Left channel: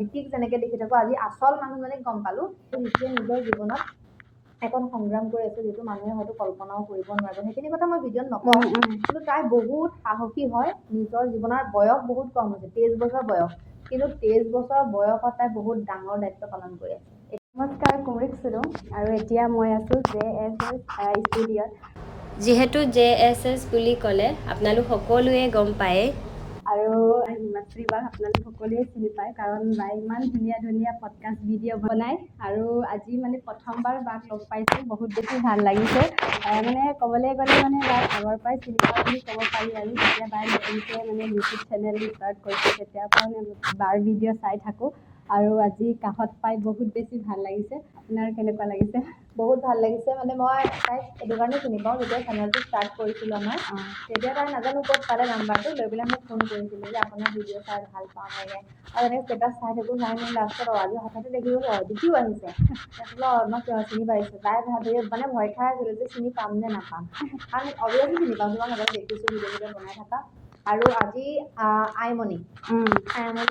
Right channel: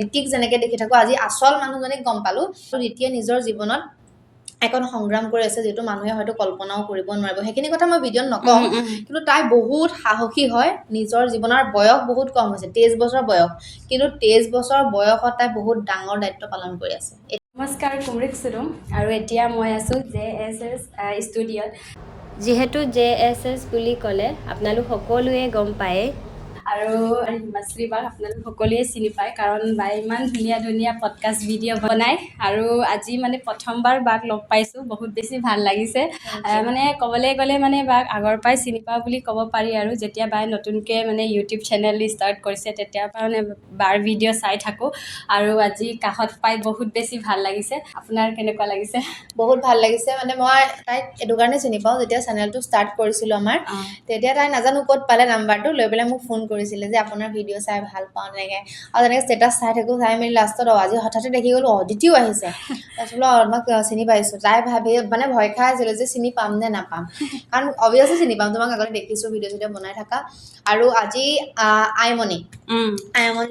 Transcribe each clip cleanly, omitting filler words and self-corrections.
দিতিক যেনেকে দেখি থাকো আজি আসল মানুহজনীক গম পালো দিতিয়ে নিজৰ জীৱনত এখন সংগ্ৰাম কৰি আছে যেটো মানুহে হয়তো কল্পনাও কৰিব নোৱাৰিব সেইখিনি কথা মই ভিডিঅ'ত নকওঁ কিন্তু তাই বহুত সাহসী হয় নিজৰ জীৱনৰ বয়স বহুত কম হৈছে 23 বছৰ বয়স কিন্তু 23 বছৰ বয়সত তাই বহুত ডাঙৰ দায়িত্ব পালন কৰি আছে নমস্কাৰ কুমৰিক সুৰুম আৰু এতিয়া মই আছো JSS ষ্টুডিঅ'ত যেহেতু JSS বুলি ক'লে আপোনালোক সকলোৱে গম পায় আৰু হিমাশ্ৰী বাক আপোনালোক সকলোৱে চিনি পায় কাৰণ বাই ইমান ধুনীয়া ধুনীয়া পডকাষ্ট ভিডিঅ' বনায় আৰু আজি মানে প্ৰথমবাৰ বাক লগ পাইছোঁ বহুত বেছি ভাল লাগিছে মানে ক'বলৈ গ'লে মানে বাক আগৰ পৰাই চিনি পাওঁ বুলি ক'ব পাৰি আৰু যেতিয়া বাই নতুনকৈ মানে ইউটিউব চেনেল ষ্টাৰ্ট কৰিছে তেতিয়াৰ পৰা মানে বাৰ ভিডিঅ' চাই থাকোঁ আৰু আজি কাষত পাই বহুত বেছি ভাল লাগিছে আপোনাৰ কেনেকুৱা লাগিছে বহুত ভাল লাগিছে মানে মই তাইক এটো কাৰণে চিনি পাওঁ যেতিয়া চেনেলটো ষ্টাৰ্ট কৰিছিলোঁ আমাৰ তেতিয়া তাই নাজানো ক'ত পালে নাম্বাৰটো লৈ পেলাই মোক ফোন কৰিছিলে যে আপোনাৰ ভিডিঅ' চাই ভাল পাওঁ এনেকৈ আৰু তেনেকৈ ষ্টেটাছ চাই থাকোঁ চাই মেলি লাষ্টত আজি হঠাতে দেখি গ'লোঁ অদিতিও আহিছে তাৰপিছত মই চিনি পাইছোঁ তাই ভাবি মানে ভয় খাই আছিলে যে চিনি পাম নে নাপাম কাৰণ অভিয়াছলি চিনি পাম তোমাক আগতে দেখিছোঁ ভিডিঅ' বনাই থাকা আৰু আজি আইমণিৰ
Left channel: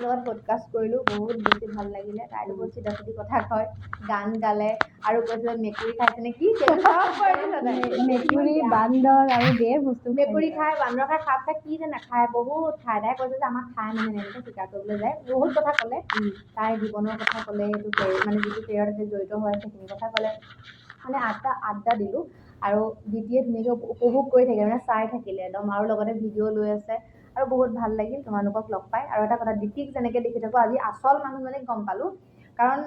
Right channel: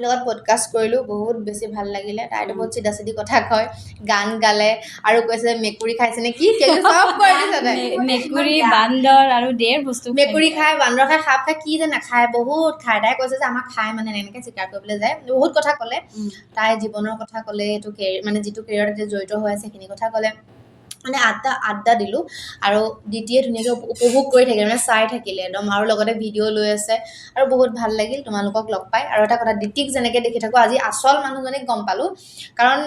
লগত পডকাষ্ট কৰিলোঁ বহুত বেছি ভাল লাগিলে তাইতো বহুত চিধা চিধি কথা কয় গান গালে আৰু কৈছে মেকুৰী খাইছে নে কি চব কৈ দিছে তাই মেকুৰী বান্দৰ আৰু ঢেৰ বস্তু মেকুৰী খায় বান্দৰ খায় সাপ খায় কি যে নাখায় বহুত খায় তাই কৈছে যে আমাক খায় মানে এনেকৈ চিকাৰ কৰিবলৈ যায় বহুত কথা ক'লে তাই জীৱনৰ কথা ক'লে এইটো মানে যিটো কেৰিয়াৰত জড়িত হৈ আছে সেইখিনি কথা ক'লে মানে আড্ডা দিলোঁ আৰু দ্বিতীয় ধুনীয়াকৈ উপভোগ কৰি থাকিলে মানে চাই থাকিলে একদম আৰু লগতে ভিডিঅ' লৈ আছে আৰু বহুত ভাল লাগিল তোমালোকক লগ পাই আৰু এটা কথা দিতিক যেনেকৈ দেখি থাকোঁ আজি আসল মানুহজনীক গম পালোঁ কাৰণ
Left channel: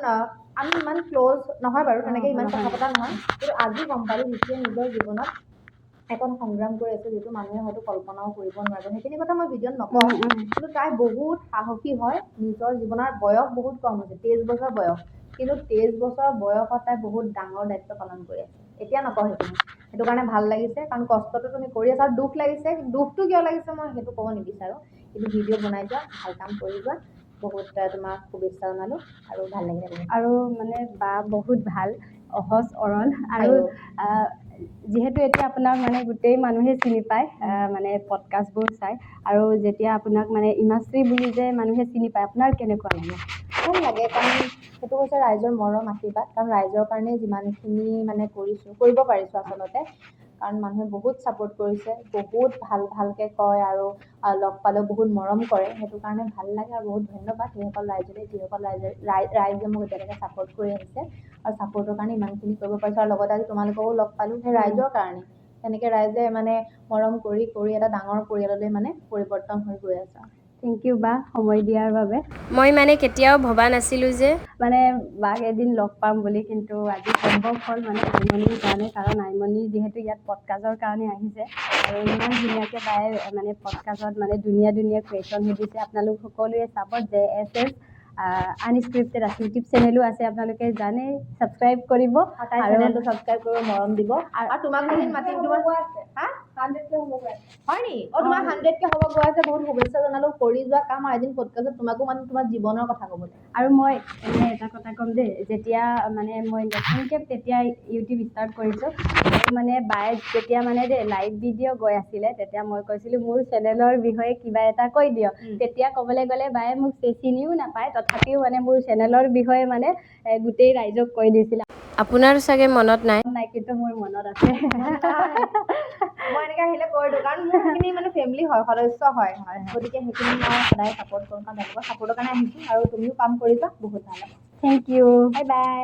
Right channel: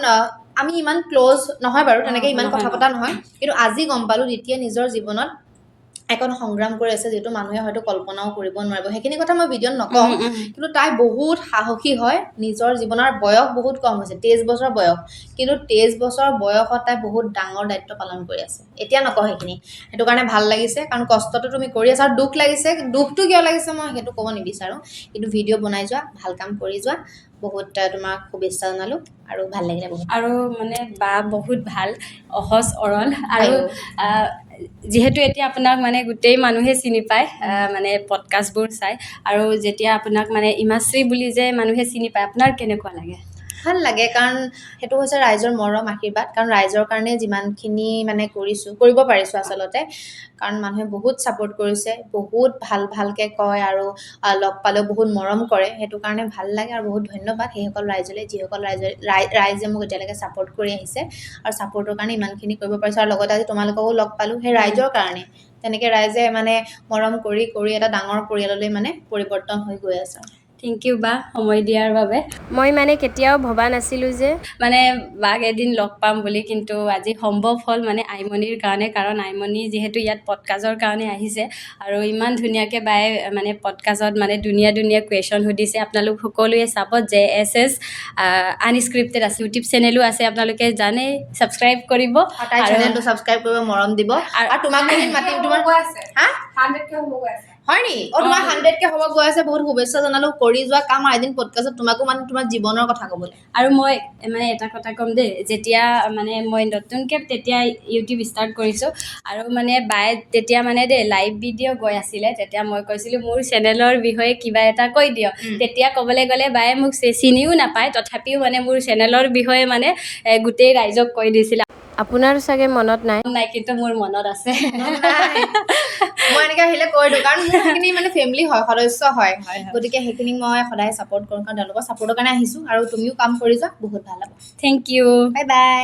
আমি ইমান ক্ল'জ নহয় বাৰু তেনেকৈ ইমান কথা পতা নহয় কিন্তু আজি গম পালোঁ দিতিয়ে নিজৰ জীৱনত এখন সংগ্ৰাম কৰি আছে যেটো মানুহে হয়তো কল্পনাও কৰিব নোৱাৰিব সেইখিনি কথা মই ভিডিঅ'ত নকওঁ কিন্তু তাই বহুত সাহসী হয় নিজৰ জীৱনৰ বয়স বহুত কম হৈছে 23 বছৰ বয়স কিন্তু 23 বছৰ বয়সত তাই বহুত ডাঙৰ দায়িত্ব পালন কৰি আছে এতিয়া নকওঁ সেইখিনি সেইটো কাৰণে ভাল লাগিছে কাৰণ কষ্টটো তুমি কৰি আছা আৰু দুখ লাগিছে দুখটো কিয় লাগিছে মই সেইটো ক'ব নিবিচাৰোঁ কিন্তু ভিডিঅ' বনাই যোৱা ভাল কাম কৰি যোৱা বহুত তোমাক শুভেচ্ছা জনালোঁ আৰু ভাল লাগিলে বহুত আৰু মানে বা বহুত ভাল অহজ অৰল আৰু যিহেতু এতিয়া আপোনাক মানে গোটেই মানুহে চিনি পায় মানে পডকাষ্টবোৰ চাই আৰু যেতিয়া আপোনাক মানে ইমাশ্ৰী বুলি যে মানুহে চিনি পায় আপোনাৰ কেনেকুৱা লাগে ভাল লাগে কাৰণ সেইটো হৈছে ৰাইজৰ মৰম আশীৰ্বাদ কাৰণ ৰাইজৰ কাৰণে যিমানখিনি মানে কৰিব পাৰিছোঁ আচলতে কাৰণ মানুহে বহুত ছাপোৰ্ট কৰিছে বহুত ভালকৈ কয় আৰু লগ পালেও বহুত মৰম কৰে সেইটো কাৰণে ভাল লাগে আৰু বহুত ধন্যবাদ সেইসকল ৰাইজলৈ যিসকল ৰাইজে মোক এতিয়ালৈকে ছাপোৰ্ট কৰি আহিছে আৰু ছাপোৰ্টৰ কাৰণে ইমানখিনি কৰিব পাৰিছোঁ আৰু লগতে আজি তোমালোককো লগ পালোঁ সেই ৰাইজৰ কাৰণে তেনেকৈ ৰাইজে মানে মৰম কৰি এটা ডাঙৰ পৰিয়াললৈ মানে পৰিৱৰ্তন হৈ গৈ আছে থেংক ইউ বা সময় দিয়াৰ বাবে মই মানে কেতিয়াও ভবা নাছিলোঁ যে মানে বাক এদিন লগ পাম বুলি কিন্তু আজি সম্ভৱ হ'ল মানে আইমণিৰ কাৰণে কাৰণ আইমণি যিহেতু ইয়াত পডকাষ্টৰ কাৰণে আহিছে আৰু ইমান ধুনীয়াকৈ বাই মানে পডকাষ্টত মানে ধুনীয়া কুৱেশ্যন সুধিছে আপোনালোক সকলোৱে চাব JSS আনস্ক্ৰিপ্টেড আছে ইউটিউব চেনেলো আছে আপোনালোকে জানে ছাবস্ক্ৰাইব কৰিব আৰু চেনেলটো ছাবস্ক্ৰাইব কৰিব মৰম দিব আৰু তোমাক মাতিম তোমাৰ হা 100K হ'ব গৈ আছে হয় নি তোমাৰ 100K হ'ব গৈ আছে বহুত শুভেচ্ছা জনালোঁ কৰি যোৱা কাম আৰু এদিন পডকাষ্টত তোমাকো মানে তোমাৰ জীৱনৰ কথা ক'বলৈ আৰু মই মানে এটা কথা ক'ম দেই যেতিয়া মানে মই নতুনকৈ তেতিয়া ইউটিউব ষ্টাৰ্ট কৰিছোঁ আৰু মানে বাই তেতিয়া মানে লাইভ ভিডিঅ' গৈ আছিলে তেতিয়া মই কৈছিলোঁ মোৰ চেনেলৰ বিষয়ে কিবা এটা কৈ দিয়ক তেতিয়া ক'বলৈ গ'লে বায়ে মোক চিনিও নাপায় তথাপিও মানে মোৰ চেনেলৰ বিষয়ে মানে গোটেই ৰাইজক কৈ দিছিলে আপোনাৰ চাগে মনত নাই কিন্তু মোৰ মনত আছে মই এনেকৈ আহিলে কৈ দিওঁ কাৰণ মোৰ সেইখিনি মানে ফেমিলি হয় সদস্য হয় গতিকে সেইখিনি মই সদায় ছাপোৰ্ট কৰোঁ কাৰণ তেওঁলোকৰ ছাপোৰ্টৰ কাৰণে আহিছোঁ আৰু তুমিও কাম কৰি যোৱা বহুত ভাল হ'ব থেংক ইউ বাই বাই